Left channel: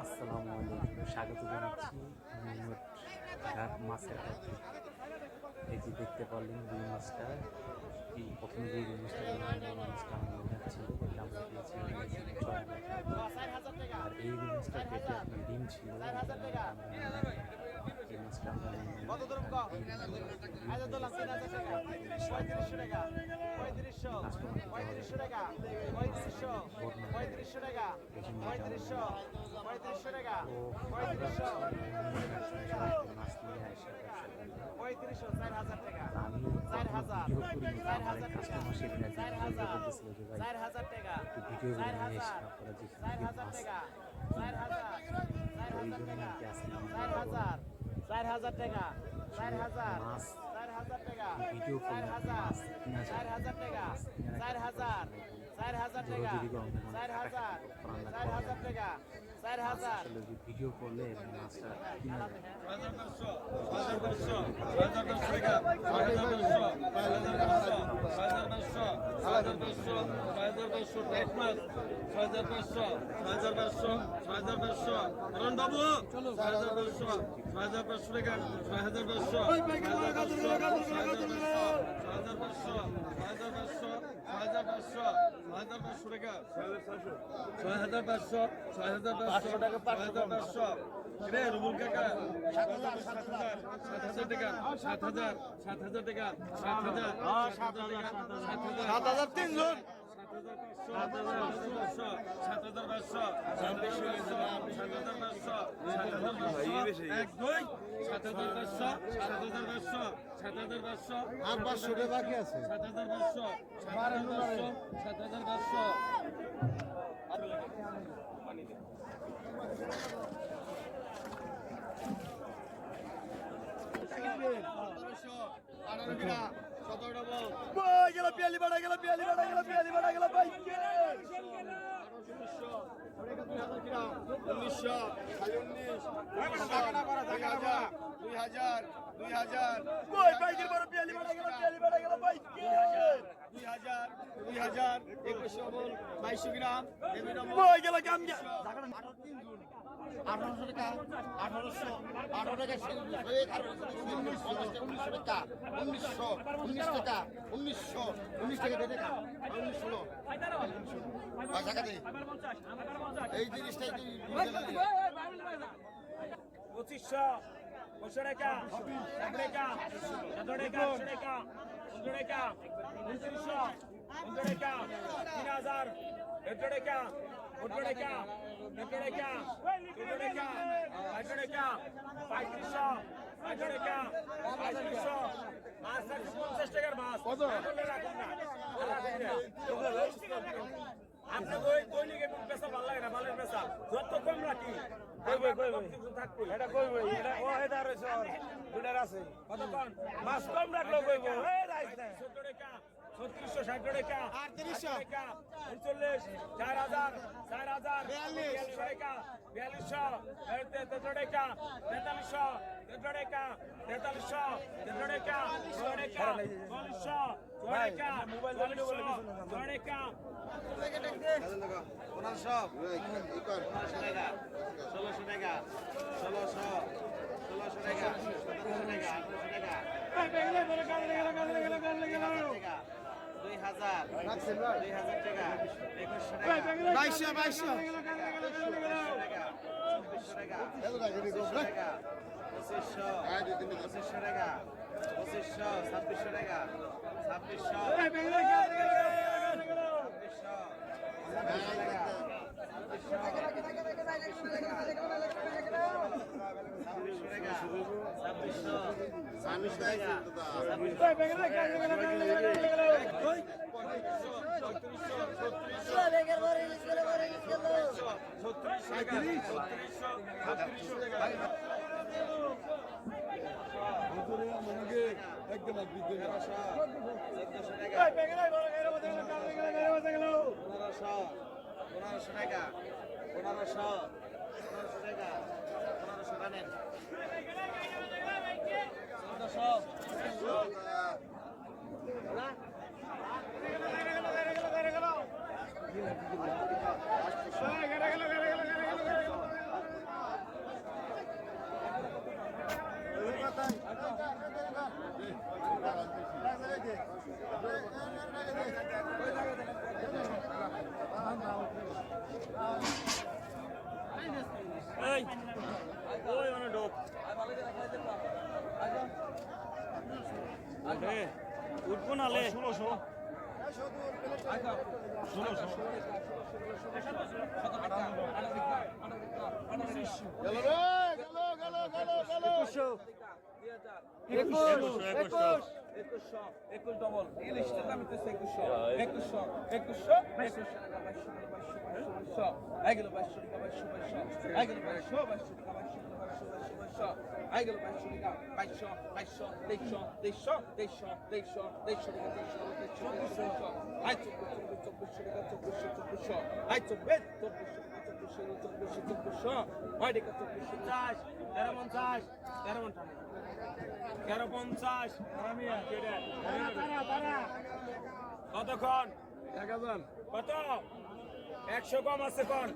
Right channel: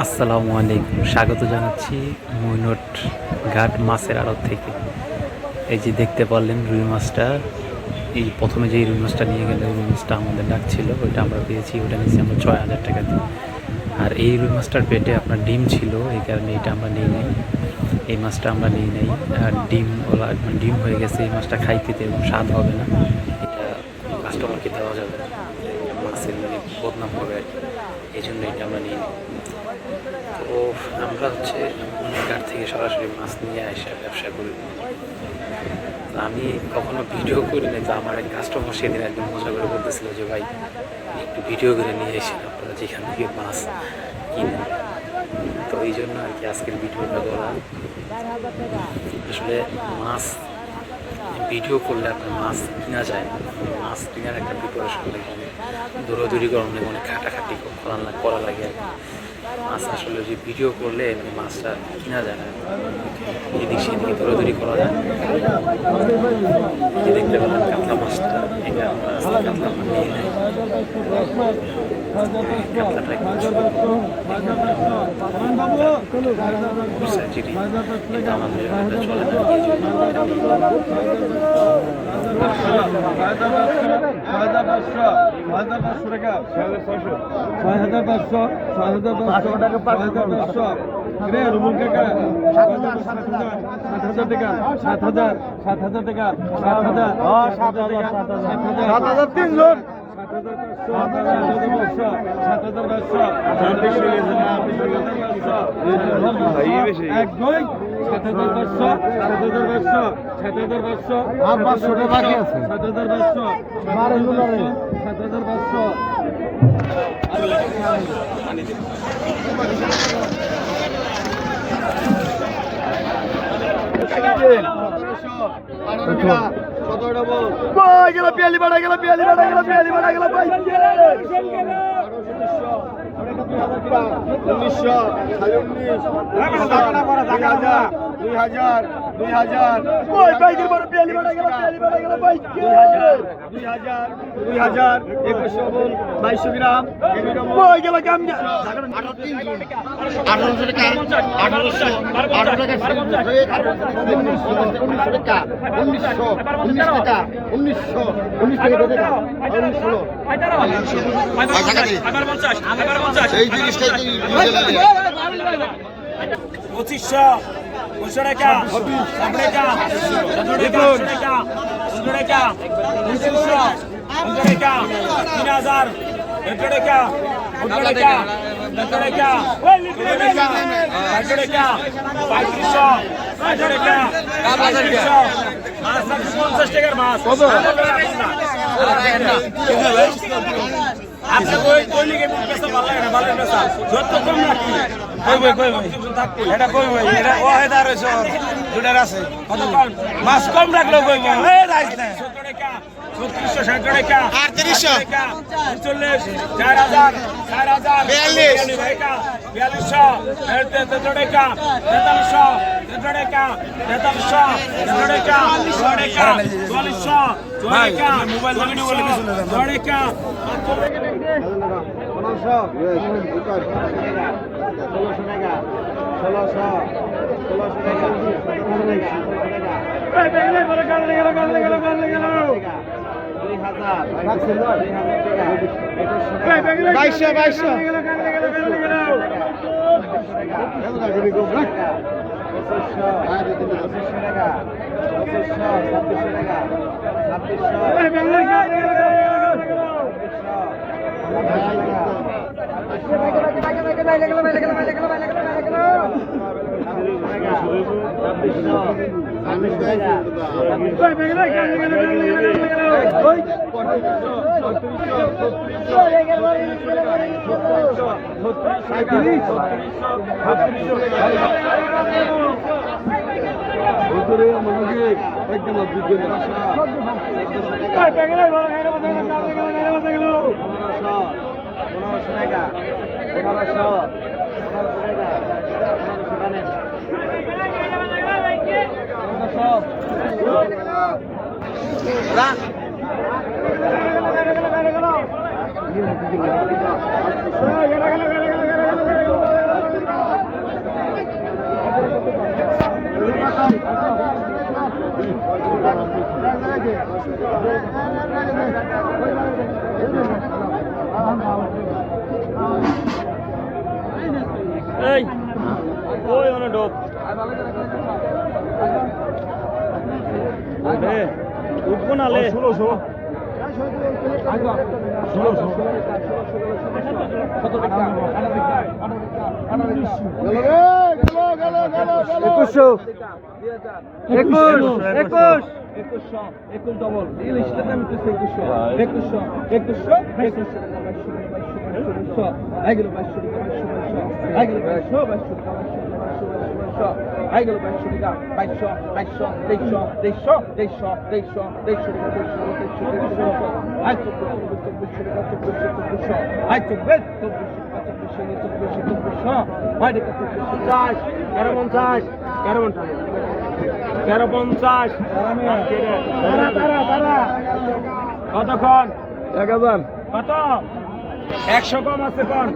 আসসালামু আলাইকুম, স্বাগত জানাচ্ছি মৈনট ঘাট মাছের আড়ত থেকে। এই যে দেখতে পারলেন রুই মাছটা, এই প্রথমে যে রুই মাছটা নিয়ে গেল, রুই মাছটা আমাদের ডাকছিল, ওইটা আমরা পেয়েছি, ওটা নিয়েছি আমরা 6,000 টাকা দিয়ে। আর এই রুই মাছটার পেটে আপনার ডিম ছিল, এই কারণে এটা আমরা নিই নাই, এই মাছটা আমরা নিই নাই। আর ডিম ওলা মানে ডিম হয়ে গেছে, এই মাছটা খাইতে স্বাদ হবে না, এটা কাস্টমারকে দেওয়া যাবে না, মাছের বদনাম হবে আর কি, এই জন্য এটা আমরা নিই। তো আমরা হচ্ছে ঘাট থেকে সরাসরি মাছ নিয়ে এসে ব্যবসা করি। আমি কখনো ভিডিও করি না, তো আমার এক কাস্টমার সেদিন একদম মজা করে বলতেছিল যে ভাই একটু ভিডিও করে নিয়ে এসে আপনারা যেখান থেকে মাছ কিনেন। তো এই জন্য আর কি আজকের ভিডিওটা করা। আসলে মাছ ভিডিও করলে আপনার মাছ কিনা যায় না, মাছ কেনার একটা প্রিপারেশন লাগে, অনেক দৌড়াদৌড়ি করার লাগে, অনেক খাটাখাটি করা লাগে আর কি। মাছ আসলে যে ভিডিও করলে মানে মাছটা কিনা যায় না, এদিক সেদিকে দৌড়াদৌড়ি করা যায়। দেখতে পেলাম কাতলা মাছটা, এটা কাতলা নিয়ে নেয়, কাতলাটা আমাদের চলে পিয়ালি বাড়া গেল 2,200 গ্রাম 1800 টাকা 1800 টাকা 1900 টাকা 19 টাকা 1900 এই জিনিসটাই 2500 টাকা 15 টাকা 15 টাকা 15 টাকা 2500 টাকা 3000 টাকা 15 টাকা 15 টাকা 500 টাকা 3500 টাকা 50 টাকার মাছ আপনি কই লিগে পেশা ভালো লাগে না, ভালো পেশা যত কম রাখি এটা কইব এটা ও হেদার হইছে দুটার আছে কত কম মাছ কম রাখলো কইব এ রাইস না 17 টাকা 3660 টাকা 3800 টাকা 39 4000 4000 42 টাকা 4200 টাকা 4300 টাকা 4300 টাকা 4400 টাকা মোবাইল ভিডিও বলে কিছু না টাকা 1500 সামনে ঢোক উঠবো না লে 1600 একুশ ডবল ইংলিশটা নাম কি 2100 আইগেল 2200 আইগেল 2200 আইগেল 2200 কতক্ষণ 1000 কত 100 কম আছে কোন